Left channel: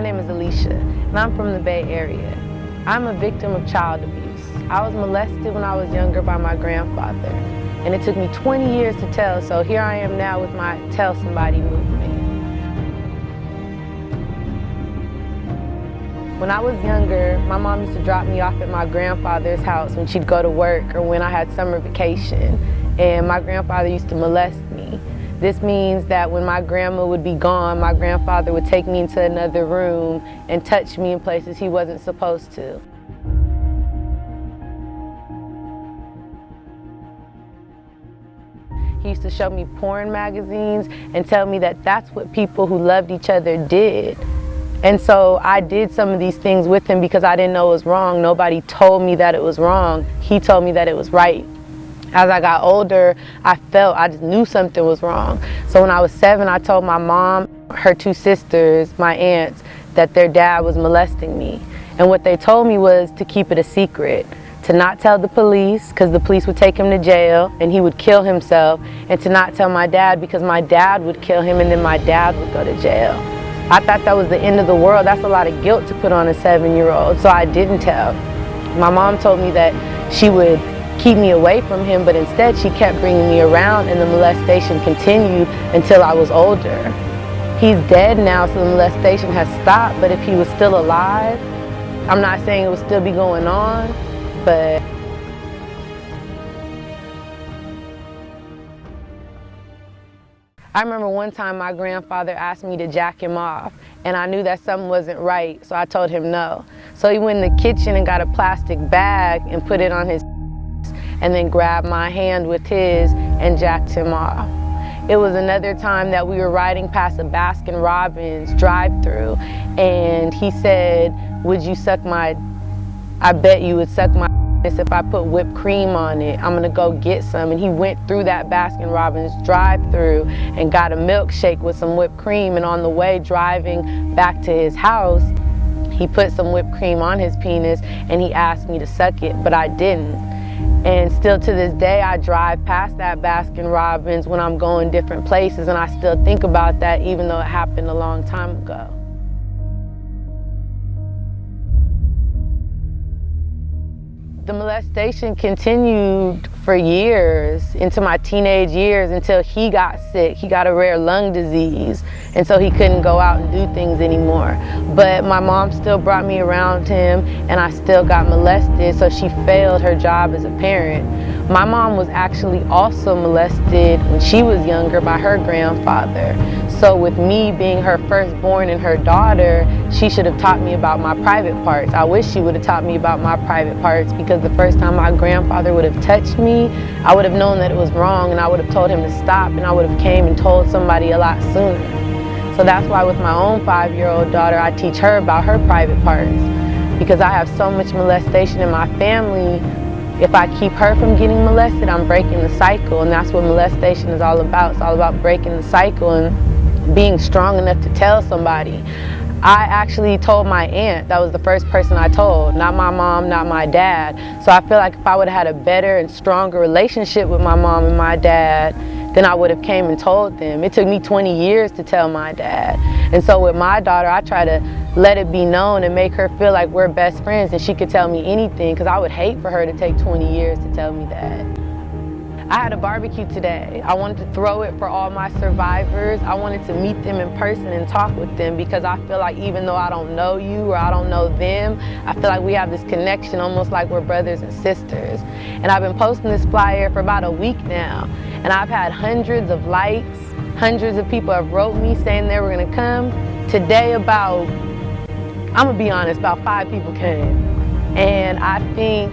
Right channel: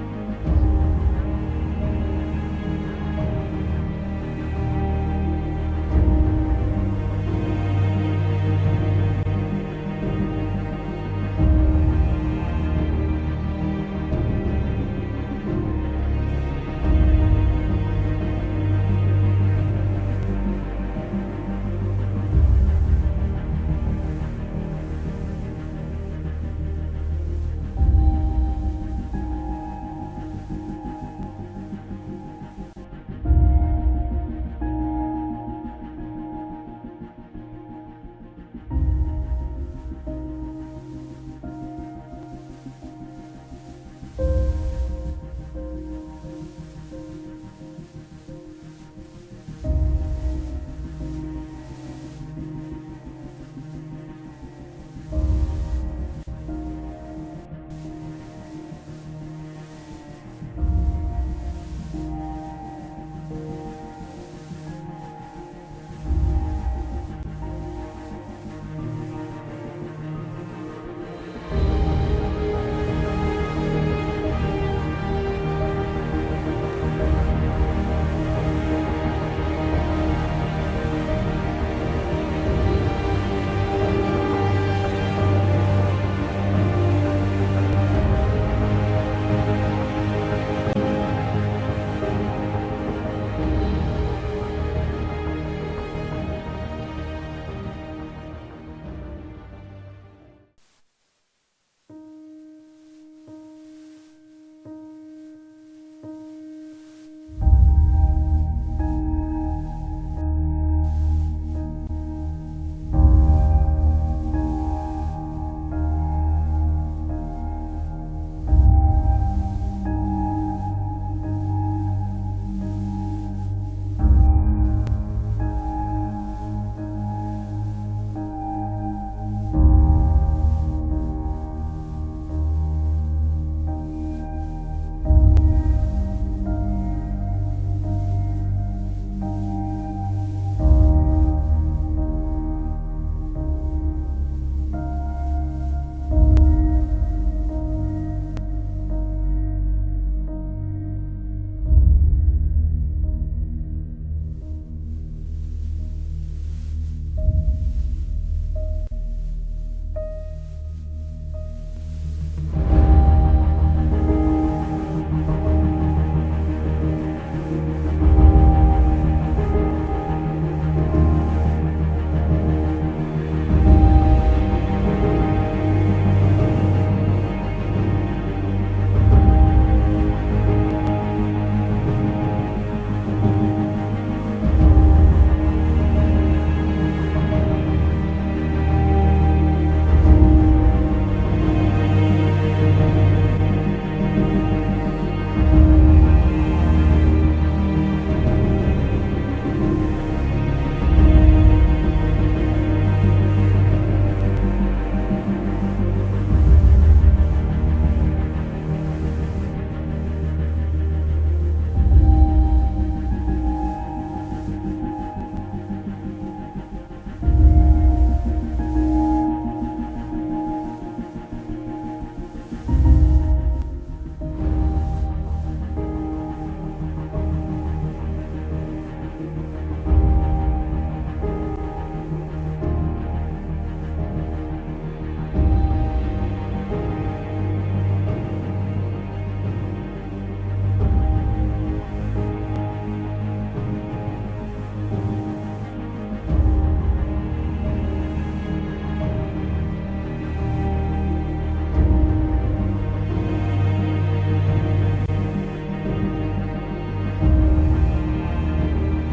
My name is Aleesha, and I'm from the Bay Area. I'm a victim of child abuse. I was molested when I was younger by my grandfather, and it took me 20 years to tell, so here I am now with my Tell Somebody movement. When I was younger, my mom used to drop me off at my grandfather's house when she'd go to work or when I had summer vacation, and my grandfather used to molest me. This means that when my grandma would be gone, my grandfather would take me into another room and touch me in places he wasn't supposed to. He used to show me porn magazines and tell me that that's what people who loved each other did. And so I did some of these things with him because I didn't know it was wrong. Nobody told me that it was wrong. He told me that it was right. As I got older, I just knew something was wrong. So when I was 7, I told my mom, her 2 sisters, my aunts, that their dad was molesting me. And what they told me was to keep it a secret, to not tell the police, because the police would take him to jail and he would kill himself, and to not tell my dad because my dad would kill him and then my dad would go to jail. I thought that was the end of the world. That's a lot of guilt to put on a 7-year-old, so I didn't tell. My mom told me that she would keep me away from him, but instead she kept bringing me around, and the molestation continued until I was older. He's dead now, so the molestation has stopped, but if he was still alive, I'm not saying it would still be going on, but I remember one time my grandfather asked me to jack him off, and I knew that something wasn't right, so I told him no. So he went in the kitchen and got a plastic bag and put it on his and then grabbed my hand with his and jacked him off. It was another time that we were riding past a Baskin-Robbins drive-thru, and he said, "Would you suck my, I bet you would suck my if I put whipped cream on it. I'm gonna go get some." And he went through that Baskin-Robbins drive-thru and got a milkshake with some whipped cream, and on the way driving back to his house, he put some whipped cream on his penis and he asked me to suck it, but I didn't. And still to this day, I drive past that Baskin-Robbins when I'm going different places, and I still think about that even though it happened a long time ago. The molestation continued for years, into my teenage years, until he got sick. He got a rare lung disease, and so he couldn't go out and do things anymore. But my mom still brought me around him, and I still got molested, so she failed her job as a parent. My mom was actually also molested when she was younger by her grandfather. So with me being her firstborn and her daughter, she should have taught me about my private parts. I wish she would have taught me about my private parts, because the first time my grandfather would have touched me, I would have known that it was wrong, and I would have told him to stop, and I would have came and told somebody a lot sooner. So that's why with my own 5-year-old daughter, I teach her about her private parts, because I have so much molestation in my family. If I keep her from getting molested, I'm breaking the cycle, and that's what molestation is all about. It's all about breaking the cycle and being strong enough to tell somebody. I actually told my aunt. That was the first person I told, not my mom, not my dad. So I feel like if I would have had a better and stronger relationship with my mom and my dad, then I would have came and told them. It took me 20 years to tell my dad. And so with my daughter, I try to let it be known and make her feel like we're best friends and she could tell me anything, because I would hate for her to take 20 years to tell me that. I had a barbecue today. I wanted to throw it for all my survivors. I wanted to meet them in person and talk with them, because I feel like even though I don't know you or I don't know them, I feel like we have this connection almost like we're brothers and sisters. And I've been posting this flyer for about a week now, and I've had hundreds of likes. Hundreds of people have wrote me saying they were gonna come. Today I'm gonna be honest, about 5 people came. And I think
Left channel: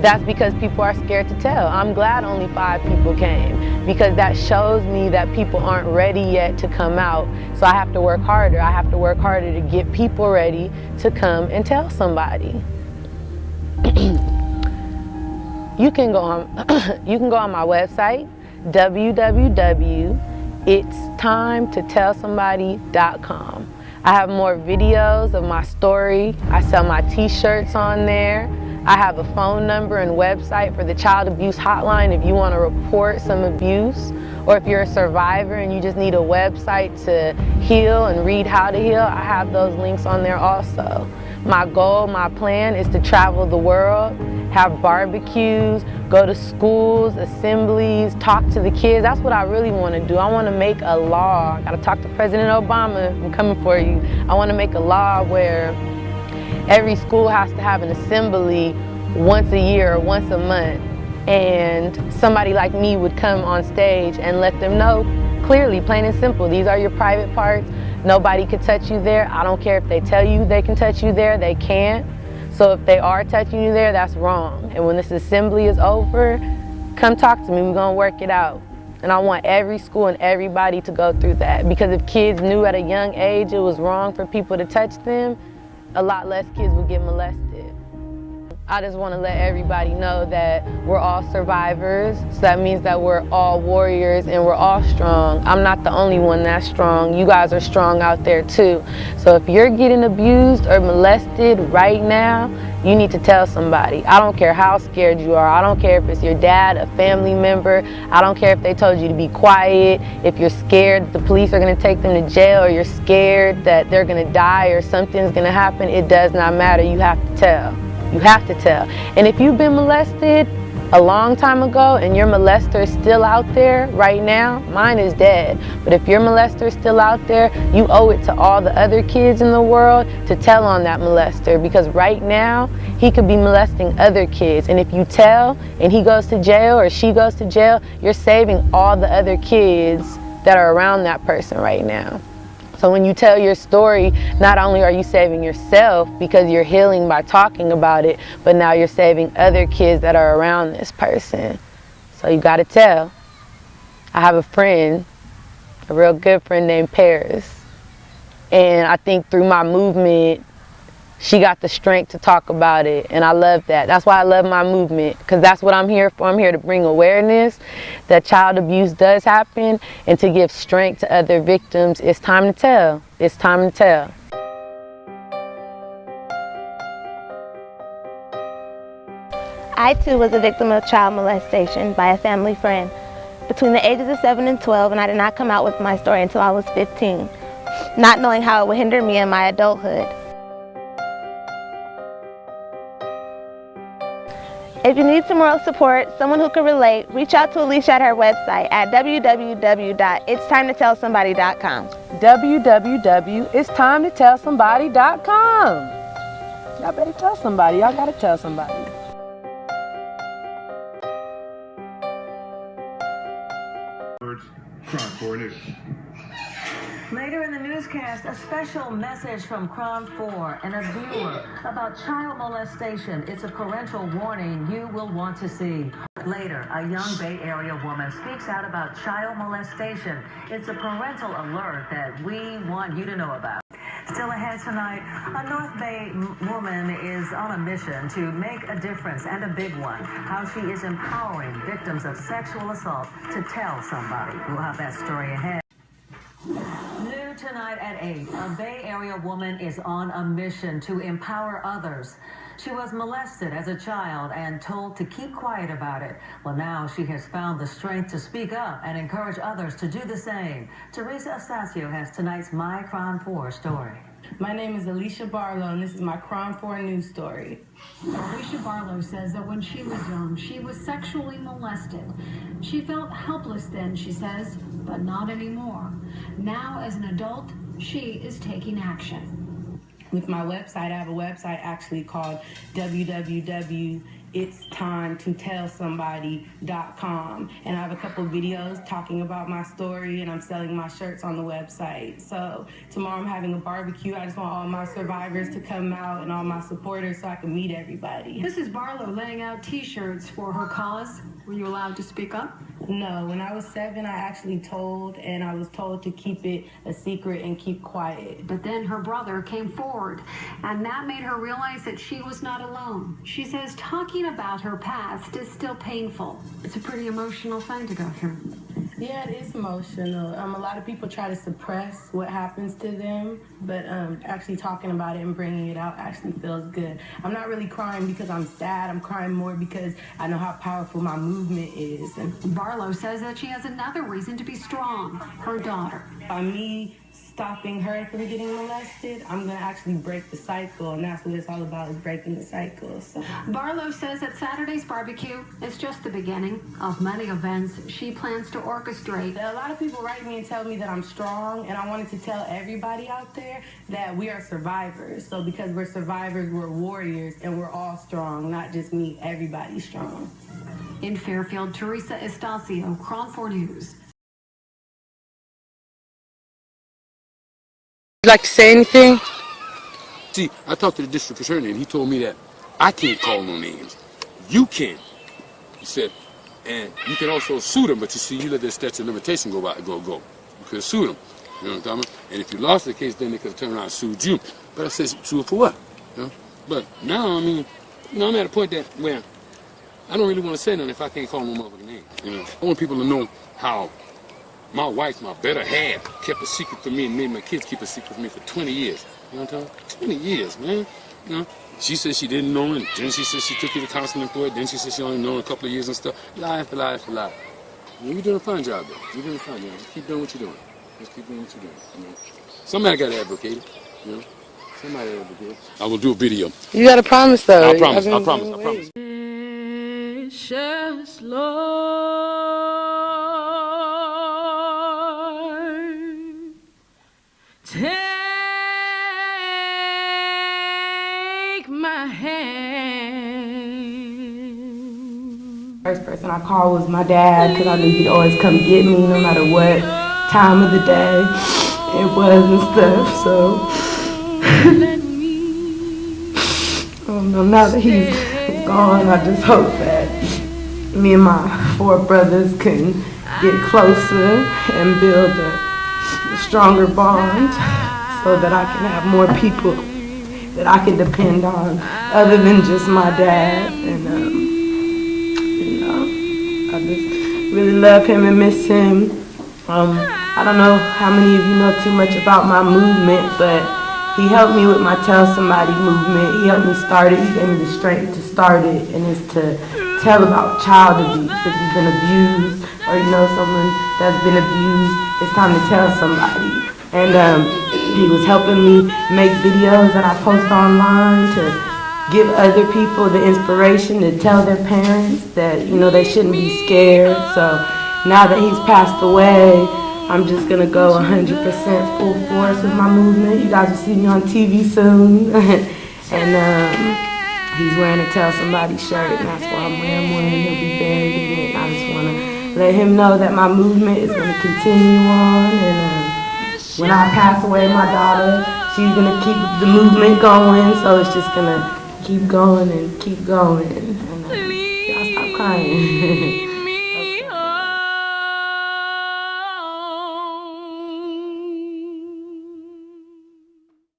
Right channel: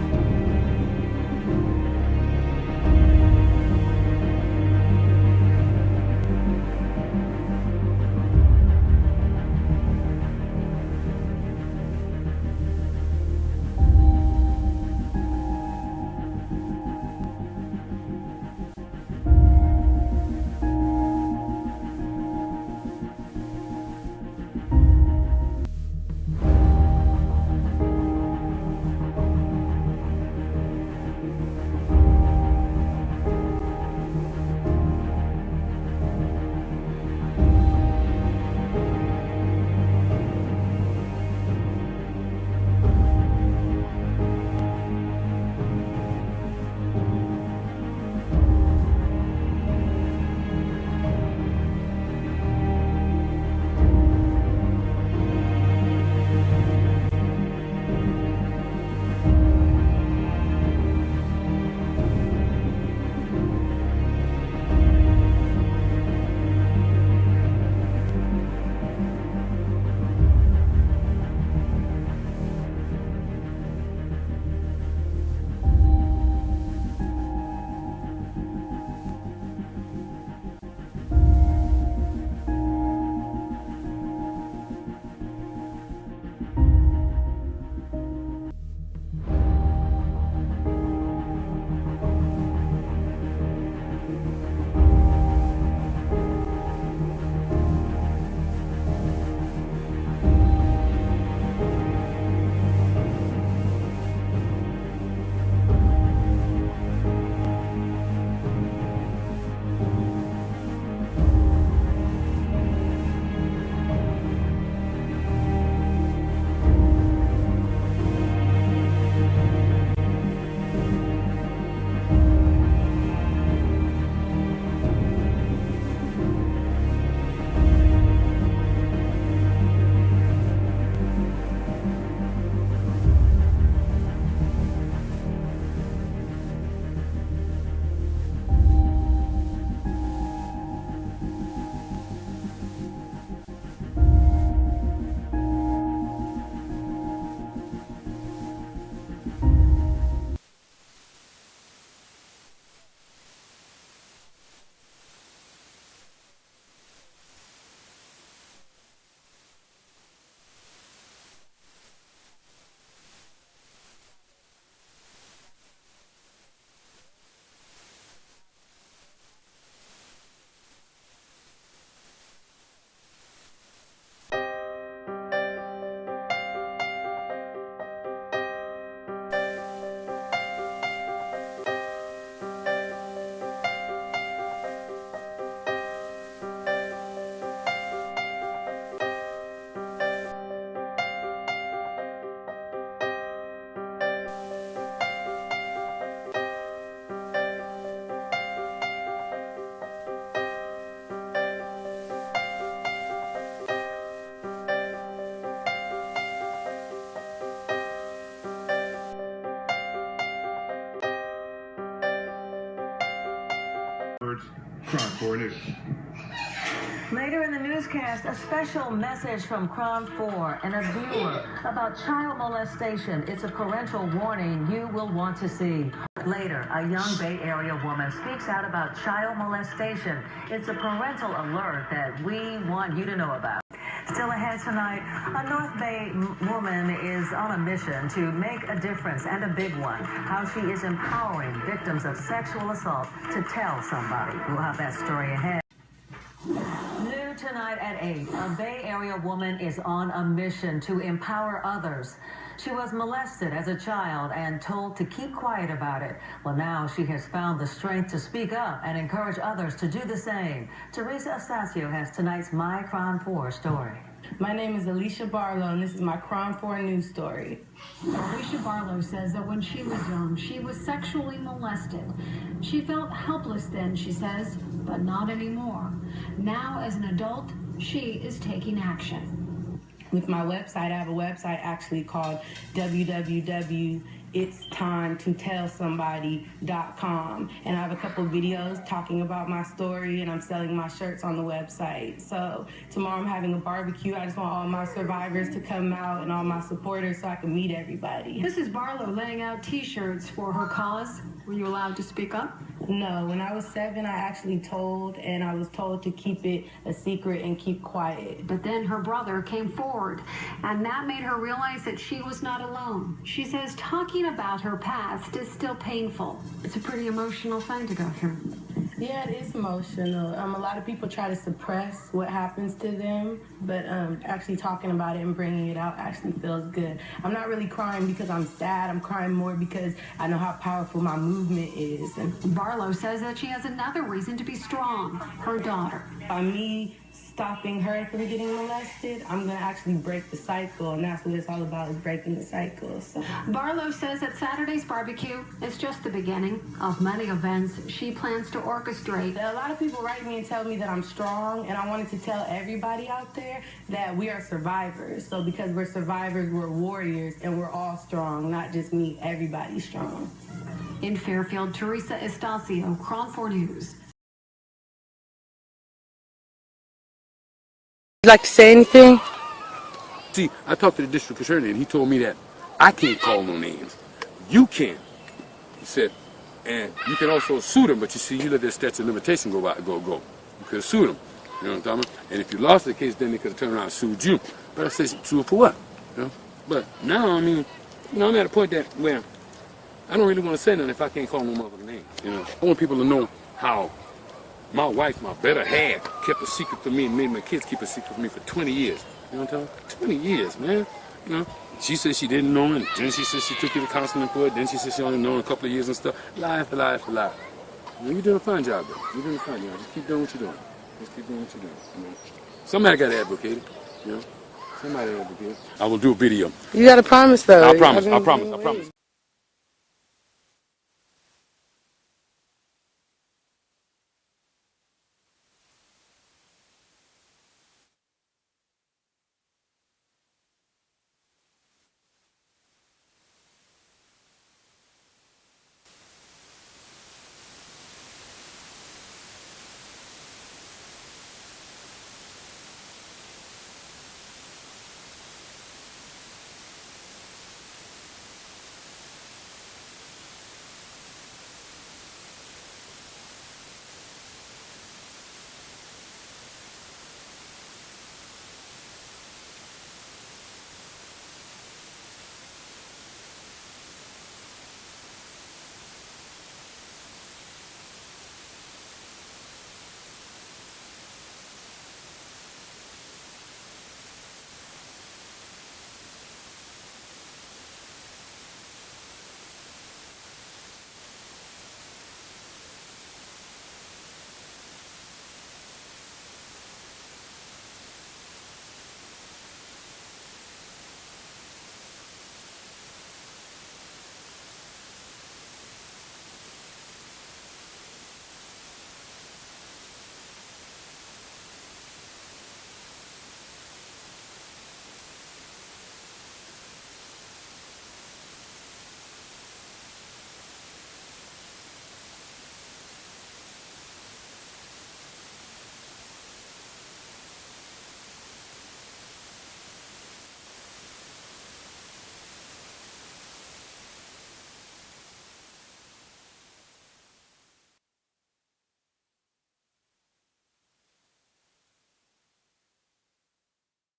that's because people are scared to tell. I'm glad only 5 people came, because that shows me that people aren't ready yet to come out. So I have to work harder. I have to work harder to get people ready to come and tell somebody. You can go on my website, www.itstimetotellsomebody.com. I have more videos of my story. I sell my t-shirts on there. I have a phone number and website for the child abuse hotline if you want to report some abuse, or if you're a survivor and you just need a website to heal and read how to heal, I have those links on there also. My goal, my plan is to travel the world, have barbecues, go to schools, assemblies, talk to the kids. That's what I really want to do. I want to make a law. I got to talk to President Obama. I'm coming for you. I want to make a law where every school has to have an assembly once a year or once a month. And somebody like me would come on stage and let them know clearly, plain and simple, these are your private parts. Nobody can touch you there. I don't care if they tell you they can touch you there, they can't. So if they are touching you there, that's wrong. And when this assembly is over, come talk to me, we're gonna work it out. And I want every school and everybody to go through that. Because if kids knew at a young age it was wrong for people to touch them, a lot less kids would get molested. I just want to let everybody know that we're all survivors. So that means that we're all warriors and we're all strong. I'm not the only one that's strong. You guys are strong out there too. So if you're getting abused or molested right now, you need to tell somebody. I don't care how scared you are. I don't care if it's your dad, a family member. I don't care if they told you to be quiet. If you're scared that the police are going to take them to jail, or you're scared that they're going to die or something's going to happen, it does not matter. You have to tell. You have to tell. And if you've been molested a long time ago and your molester is still out there right now, mine is dead. But if your molester is still out there, you owe it to all the other kids in the world to tell on that molester, because right now he could be molesting other kids. And if you tell and he goes to jail or she goes to jail, you're saving all the other kids that are around that person right now. So when you tell your story, not only are you saving yourself because you're healing by talking about it, but now you're saving other kids that are around this person. So you gotta tell. I have a friend, a real good friend named Paris. And I think through my movement, she got the strength to talk about it, and I love that. That's why I love my movement, because that's what I'm here for. I'm here to bring awareness that child abuse does happen and to give strength to other victims. It's time to tell. It's time to tell. I too was a victim of child molestation by a family friend between the ages of 7 and 12, and I did not come out with my story until I was 15, not knowing how it would hinder me in my adulthood. If you need some moral support, someone who can relate, reach out to Aleesha at her website at www.itstimetotellsomebody.com. www.itstimetotellsomebody.com. Y'all better tell somebody. Y'all gotta tell somebody. Crime 4 News. Later in the newscast, a special message from Crime 4 and a viewer about child molestation. It's a parental warning you will want to see. Later, a young Bay Area woman speaks out about child molestation. It's a parental alert that we want you to know about. Still ahead tonight, a North Bay woman is on a mission to make a difference, and a big one. How she is empowering victims of sexual assault to tell somebody. We'll have that story ahead. New tonight at 8, a Bay Area woman is on a mission to empower others. She was molested as a child and told to keep quiet about it. Well, now she has found the strength to speak up and encourage others to do the same. Teresa Astacio has tonight's My Crime 4 story. My name is Aleesha Barlow, and this is my Crime 4 news story. Aleesha Barlow says that when she was young, she was sexually molested. She felt helpless then, she says, but not anymore. Now, as an adult, she is taking action. With my website, I have a website actually called www.itstimetotellsomebody.com, and I have a couple of videos talking about my story, and I'm selling my shirts on the website. So tomorrow I'm having a barbecue. I just want all my survivors to come out and all my supporters so I can meet everybody. This is Barlow laying out t-shirts for her cause. Were you allowed to speak up? No, when I was 7, I actually I was told to keep it a secret and keep quiet. But then her brother came forward, and that made her realize that she was not alone. She says talking about her past is still painful. It's a pretty emotional thing to go through. Yeah, it is emotional. A lot of people try to suppress what happens to them, but actually talking about it and bringing it out actually feels good. I'm not really crying because I'm sad. I'm crying more because I know how powerful my movement is. And Barlow says that she has another reason to be strong, her daughter. by me stopping her from getting molested, I'm gonna actually break the cycle, and that's what it's all about, is breaking the cycle. So. Barlow says that Saturday's barbecue is just the beginning of many events she plans to orchestrate. A lot of people write me and tell me that I'm strong, and I wanted to tell everybody out there that we are survivors. So because we're survivors, we're warriors, and we're all strong, not just me, everybody's strong. In Fairfield, Teresa Estacio, Cron 4 News. Would you like to say anything? See, I talked to the district attorney, and he told me that I can't call no names. You can. He said, and you can also sue them, but you see, you let that statute of limitation go. You could sue them. You know what I'm talking about? And if you lost the case, then they could have turned around and sued you. But I said, sue for what? You know? But now, I mean, you know, I'm at a point that where I don't really want to say nothing if I can't call no motherfucking name. You know, I want people to know how my wife, my better half, kept a secret from me and made my kids keep a secret from me for 20 years. You know what I'm talking about? 20 years, man. You know, she said she didn't know, and then she said she took you to counseling for it. Then she said she only known a couple of years and stuff. Lie after lie after lie. You know, you're doing a fine job, though. You're doing a fine job. Just keep doing what you're doing. Just keep doing what you're doing. You know, somebody got to advocate it. You know, somebody advocate it. I will do a video. You gotta promise, though. I promise. I promise. I promise. Precious Lord, take my hand. First person I called was my dad, because I knew he'd always come get me no matter what time of the day it was and stuff. So now that he's gone, I just hope that me and my 4 brothers can get closer and build a stronger bond, so that I can have more people that I can depend on other than just my dad. And you know, I just really love him and miss him. I don't know how many of you know too much about my movement, but he helped me with my Tell Somebody movement. He helped me start it. He gave me the strength to start it, and it's to tell about child abuse. If you've been abused, or you know someone that's been abused, it's time to tell somebody. And he was helping me make videos that I post online to give other people the inspiration to tell their parents that, you know, they shouldn't be scared. So now that he's passed away, I'm just gonna go 100% full force with my movement. You guys will see me on TV soon. And he's wearing a Tell Somebody shirt, and that's why I'm wearing one. He'll be buried in it. I just wanna let him know that my movement is gonna continue on. And when I pass away, my daughter, she's gonna keep the movement going. So it's just gonna keep going and keep going. And y'all stop crying.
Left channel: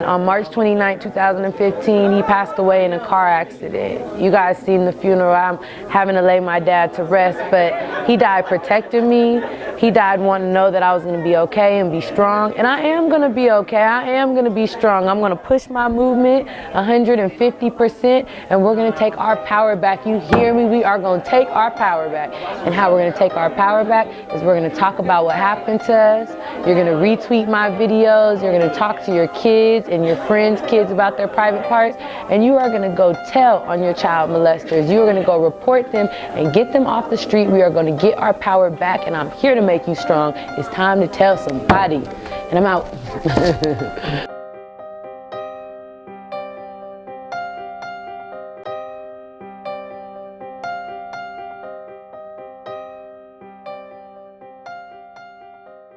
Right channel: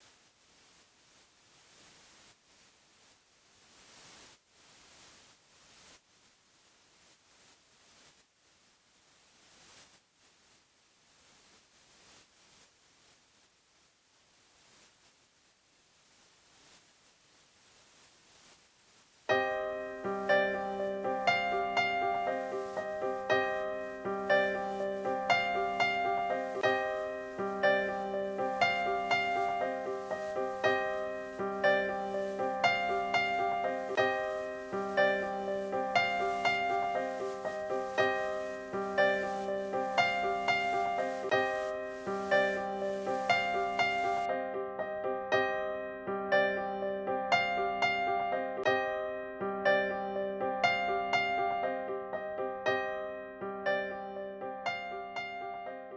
On March 29, 2015, he passed away in a car accident. You guys seen the funeral. I'm having to lay my dad to rest, but he died protecting me. He died wanting to know that I was going to be okay and be strong, and I am going to be okay. I am going to be strong. I'm going to push my movement 150%, and we're going to take our power back. You hear me? We are going to take our power back. And how we're going to take our power back is we're going to talk about what happened to us. You're going to retweet my videos. You're going to talk to your kids and your friends' kids about their private parts, and you are going to go tell on your child molesters. You are going to go report them and get them off the street. We are going to get our power back, and I'm here to make you strong. It's time to tell somebody, and I'm out.